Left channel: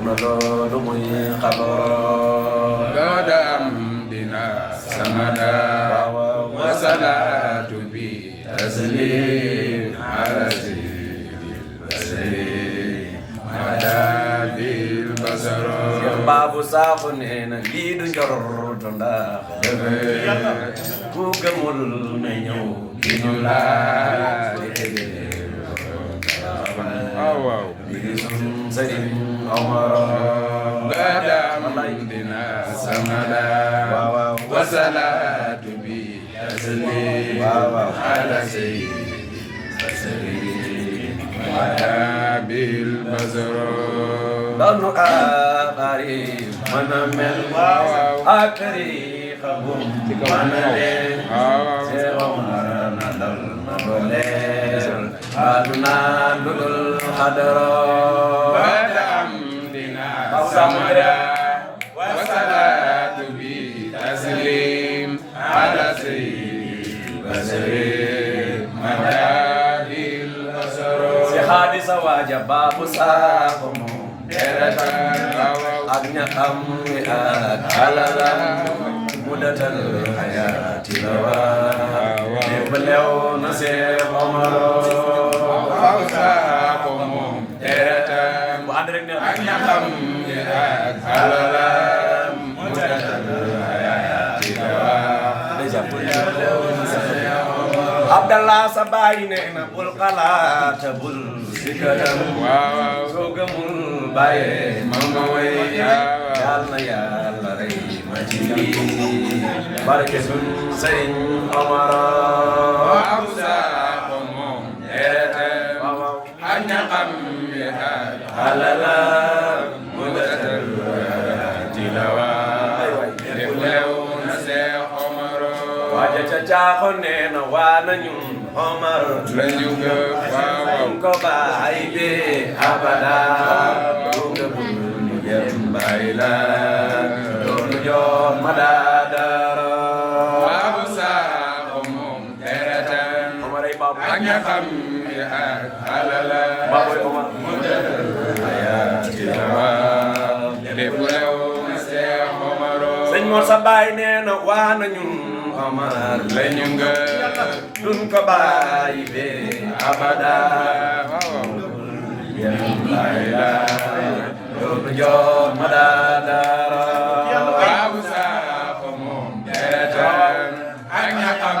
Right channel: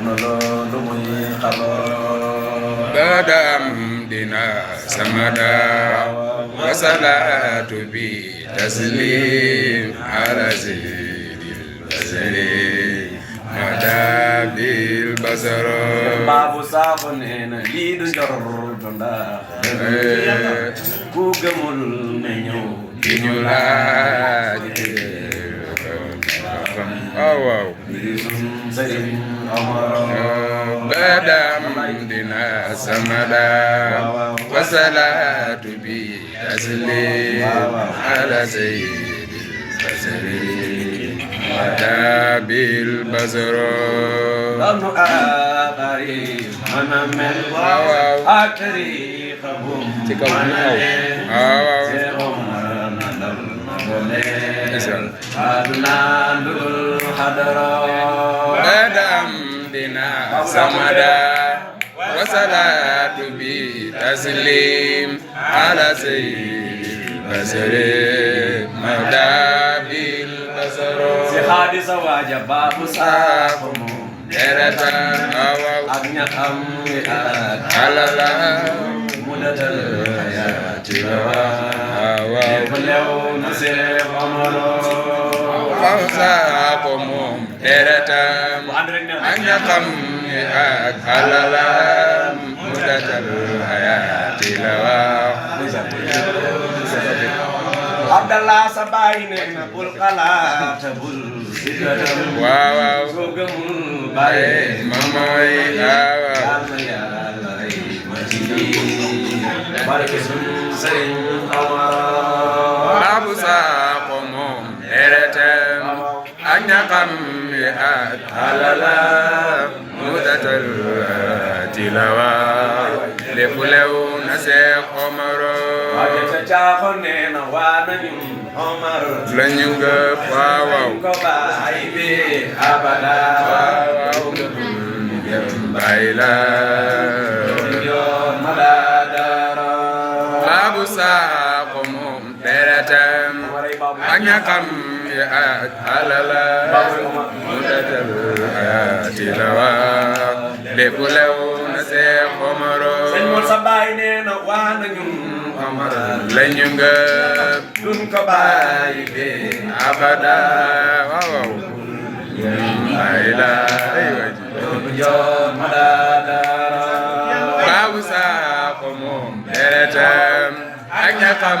loolu muy xabar badam dina samada wasalaatu bi taslim ala sayyidil basari madabil basara baabu saako nee na lii du njortu ndax ku gëmul ne ñëw di ñu laaj waaw Sëriñ Omar badam dina samada wasalaatu bi taslim ala sayyidil basari madabil basara doonu aaxari mën a mel ak tariixam mën a leen Seex Omar na dal na dooleel aduna lu dul xadara badam dina samada wasalaatu bi taslim ala sayyidil basari madabil basara si xaadisa waaja baabu saako moom deratan ak ñaxam wi ak alala mu datal xayaati lépp lew na Seex Omar fawsa ko moom deratan bu ànd rek ne ak ñaxam wi ak alala mudatal hayati Abdallah sa baay nee na bul xalaat bul sikkatam waaw soo gëmul bàyyee ma mooy yaawa yàlla yàlla rey ma ci lii barke sun Sëriñ Omar Abu Sakho moom deretam ak ñaxam wi ak alalam mudatal tilawa lépp lew na Seex Omar waaja ca caaxo nee na waa nañu Omar lañu gëp waaw ko bàyyi bi abada bàyyi la loolu yoon ma daadara Abu Sakho moom deretam ak ñaxam wi ak alalam mudatal tilawa lépp lew na Seex Omar sëñ Mor sa baay nee na waa nañu Omar lañu nga duñ ko bàyyi be abada waaw bàyyi la loolu yoon ma daadara Abu Sakho moom deretam ak ñaxam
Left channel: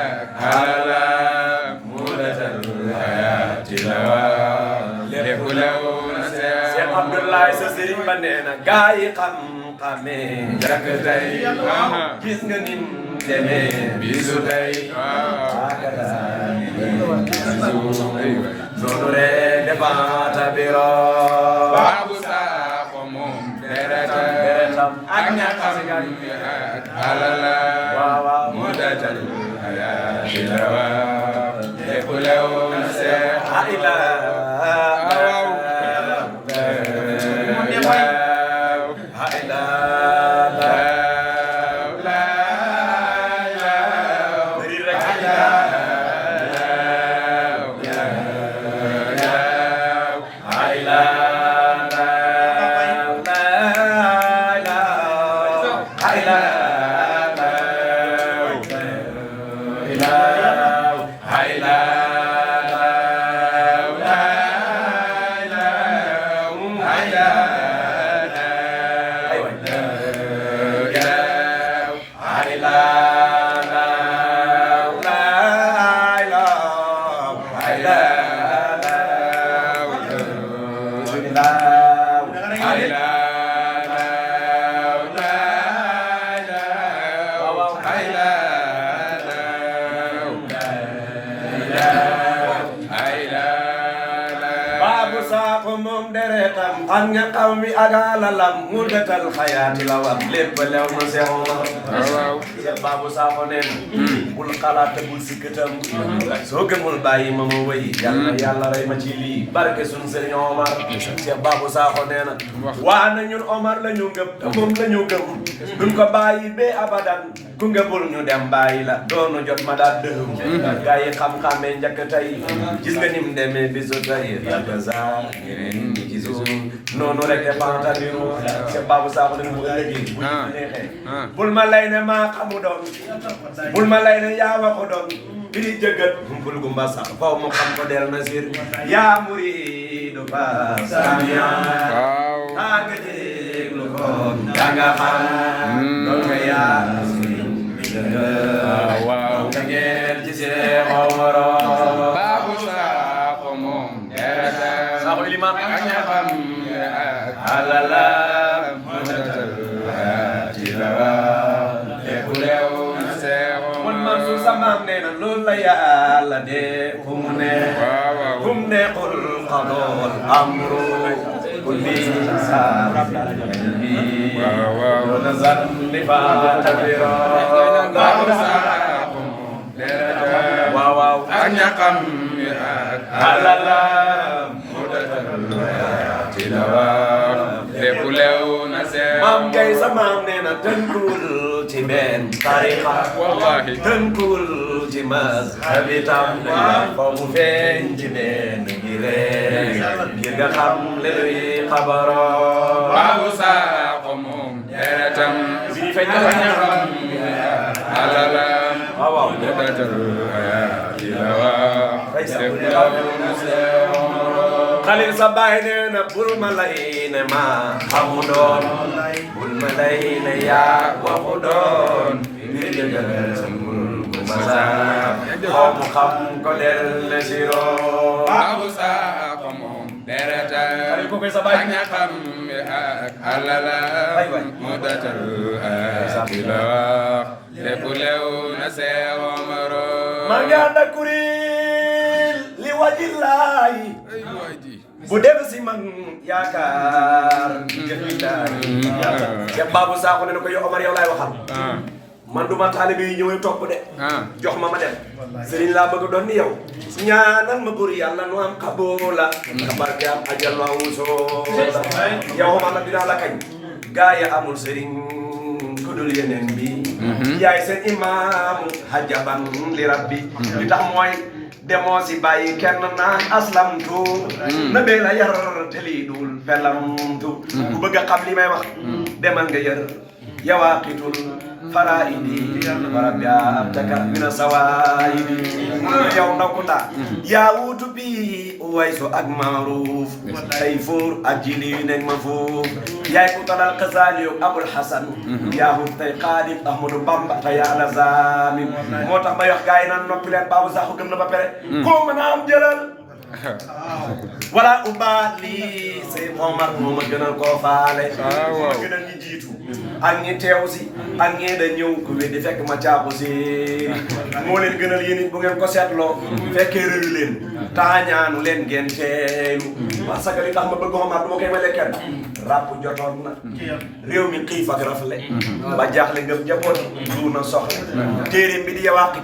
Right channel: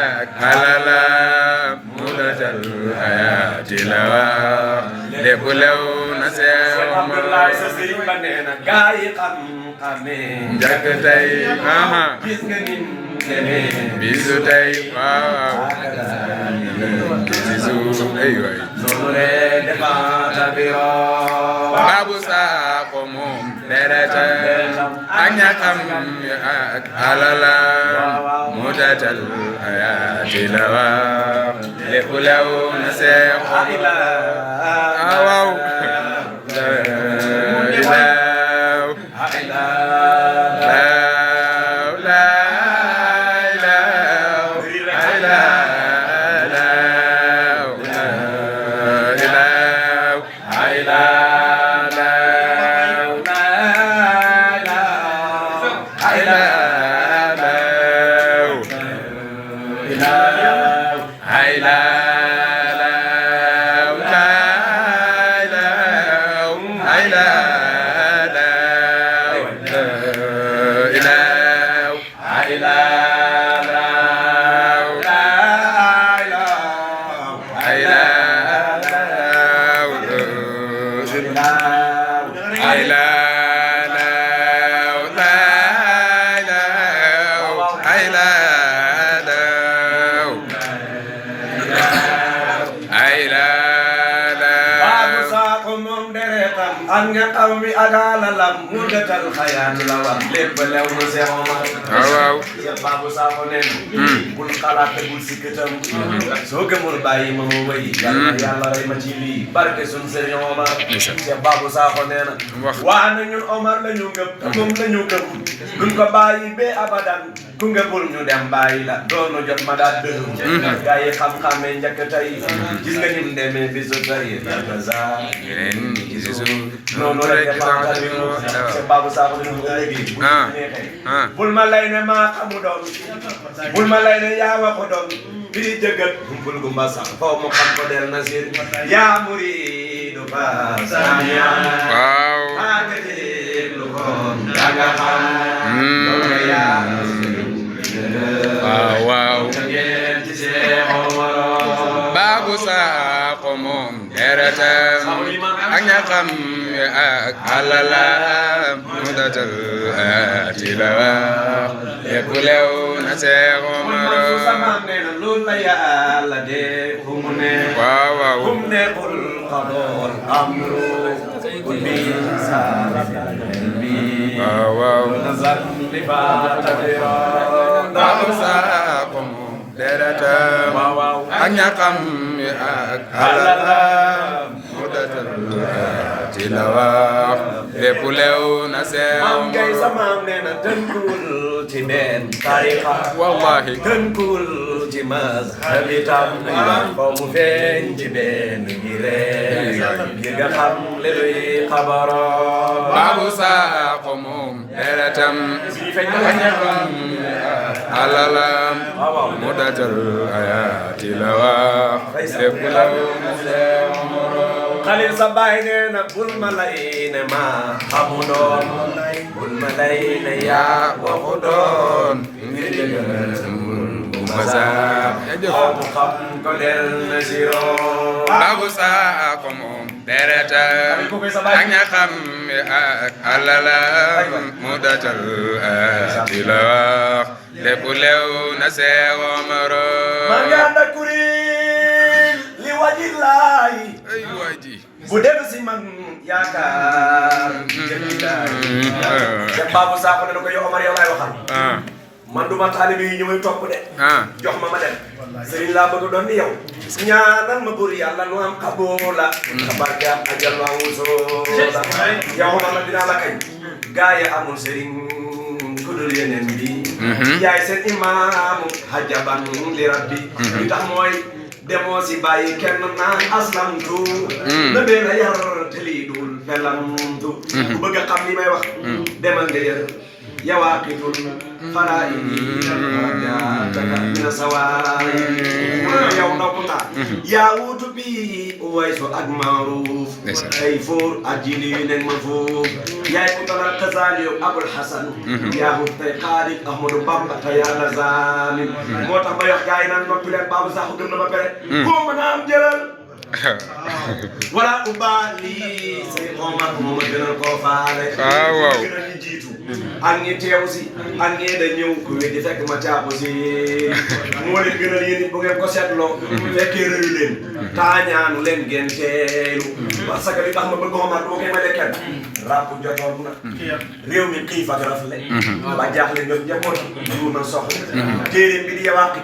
ak alalam mudatal hayati lawa lépp lew na Seex Abdoulaye sa sëriñ ba nee na gaa yi xam-xamee njëkk tey gis nga nim demee bisu tey waaw bisu ay waay loolu rek dafa tabira Abu Sakho moom deretam ak ñaxam ak alalam mudatal hayati lawa lépp lew na Seex waaw ak ñaxam wi ak alalam mu detal xayaatu la war lépp lew na Seex Omar waaw Seex Babou Sakho nee na bul xalaat te bul sikkatam soo gëmul bàyyi ma wëy yàlla rey ma ci lii barke sun Sëriñ Omar Seex Babou Sakho nee na waa na ñun Omar la ñu gëm te moom la ñu gëm duñ ko bàyyi be abadan ku nga bul ñu dem bàyyi la doonu jot ma daal dëgg gaa yi xam-xamee njëkk tey gis nga nim demee bisu tey yàlla saa yeneen ñi ci suuf noonu la defantali c'est Babou Sakho dañu mu ëllëgee bu neexee bul ma lay ne maa xamu doon bul ma lay ne yaa waxu doon bi di jëggat bul gu ma sax foo mu xam ko del na sir yaa muridu ba samia waaw maa ngi déglu ko danga xam doone yaa waaw waaw ngeen ci see xomoro Babou Sakho moom deretam ak ñaxam ak alalam mu datal ci la lépp lew na Seex Omar sama nee na loolu la yàlla de fu mu ne waaw waaw fu mu ne qul qadool amru qul bi saalibi waaw waaw nazar li fa tabiro Babou Sakho moom deretam waaw waaw ak ñaxam ak alalam mu datal ci la lépp lew na Seex maam ngay sa maam nee na tënkul ci benn tariqa wallahi tënkul ci mazhab itam foo mu feeñ ci benn ngir nga xam le luy xabaro Babou Sakho moom deretam ak ñaxam alalam waaw mu datal ci la lépp lew na Seex xalil sa baay nee na bul ma lay ne ma xamu doon bul ma lay ne yaa waxu doon ngir jëgal bul bu ma saab xaw mu xam ko del na siro Babou Sakho moom deretam ak ñaxam ak alalam mu datal ci la lépp lew na Seex Omar ma ngi ànd ak kuréel li wajilaay ay waay ji bu dem si man yaakaar te Babou Sakho ne na ko yow Omar yow laay waxal man du ma taalibe yi ñëwee topp de jox ma dem sëriñ laa bëgg doon ni yow ñaanal ma bur yàlla nu am xaboola sa barke am ajal wa wusoola yow Omar la dinaa la kañ gaa yi amul sëriñ ku dul yeneen bi yaay seen imaamu hajaban li rabbi li tax mooy demoo si bàyyi kenn naan aslamtu na bee na yar te lii dul felamtu ku bëgg a xam li may wax demal nga yër yawaaqitul faraa'idi warajataka mina sawaayi yow ndokkuta yaa wuutu bi Uwaysu ak Maaruuf ay fóor ak jili yu nekk ma foof yaay ku talal Xasaali yow Abul Hasan yaa hut tey Xaadim Ahmadu Bamba te yàlla zalim moo tax may wax gars yi naan noppi leen Babou Sakho gëm na ba pare koo mën a am jëlal wala ubaali say Omar moo ma gënal koo faale waaw gënal ñu jiitu ak ñi teew si ak ñee da ñëw ku weddi fekk ma caabu si moo leen gënal yéen bu ngeen ko seetloo fekkee rëyu leen taañaanu leen ngeen teelu parce que li tax ma bëgg Omar du ma koy male kenn ràpp jotoon na réew mi xiif ak rafle ba jaaxle ngëm njaboot suur na soxla téere bi di yawaqi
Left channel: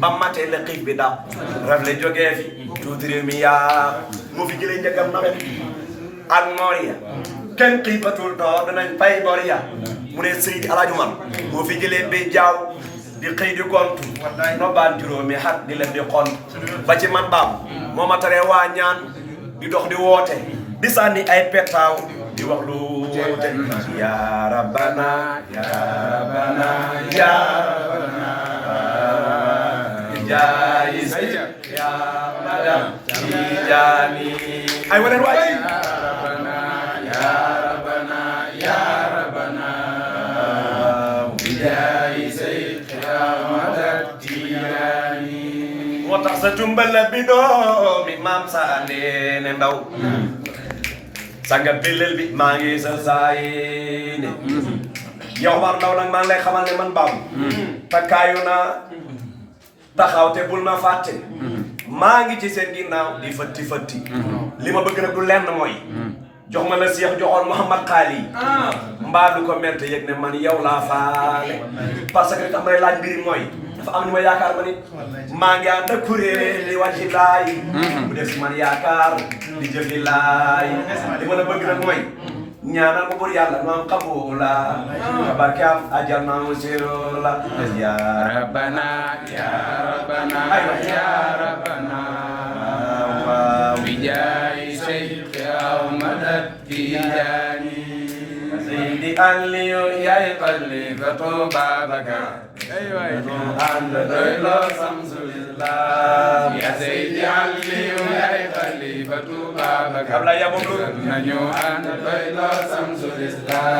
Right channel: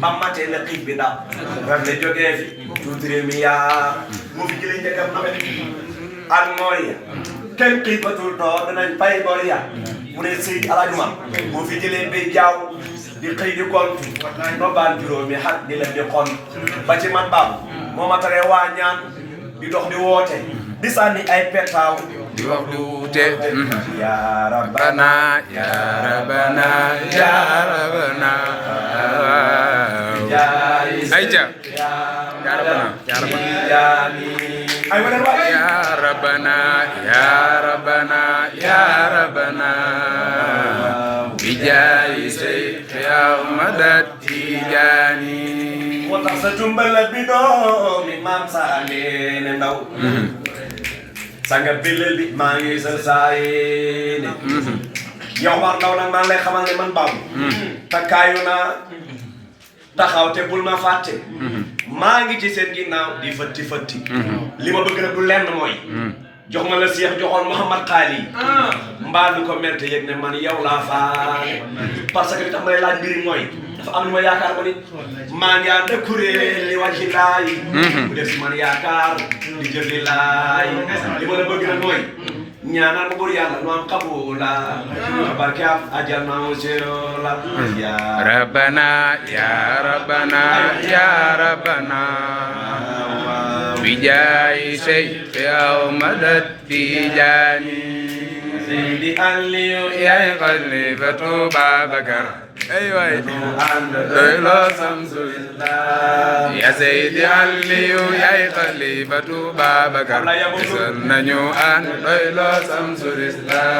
ba matee la xiif bi daal rafle jógee fi tuuti réew mi yaa moo fi jëlee njëkkam nawet ak Moria kenn xiifatul doo danañ fay Moria mu ne Seydi Alaaji Umar moo fi jëlee bay jaaw di xëy di gont no baan juróomi xat di leen di xont ba ci man Babou moo ma taree waa ñaan di dox di woote di sànni ay petaaw di wax lu te ya rabbana ya rabbana ya rabbana ayca ay wala waay ya rabbana ya rabbana ya rabbana bijaayi Seex Ahmad Tijaani moo tax sa tumbal la bi doomi maam saa leene ndaw sanga bilal bi maa ngi sa saayene yow war ndaw nag maa ngi lay xamal ne man Babou takkaayu naa taxaw te bul ma fàtte maa ngi ci seen ginnaaw di fëtti fëtti li ma bëgg nag du lenn mooy jox ma la Seex joxoon Mouhamad Xaali mbaa du ko merte yëg ne man yow laa faale parce que li tax may laaj mbiri mooy dafa am ni ma yaakaar ba nit maa ngi ànd ak kuréel li wàcc laay bu def si man yaakaar di jëf li laay li ma la bëgg nag mooy ñaanal ma bur yàlla nu am qabula barke am ajal na mu la ya rabbana ya rabbana ya rabbana bijaayi Seex Ahmad Tijaani Seydi Aliyu yaay xalifatu Babakar ay waay ànd doy loo Samsul Islam ya Seydi Aliyu yaay xalifatu Babakar nañu ànd doy loo Samsul Islam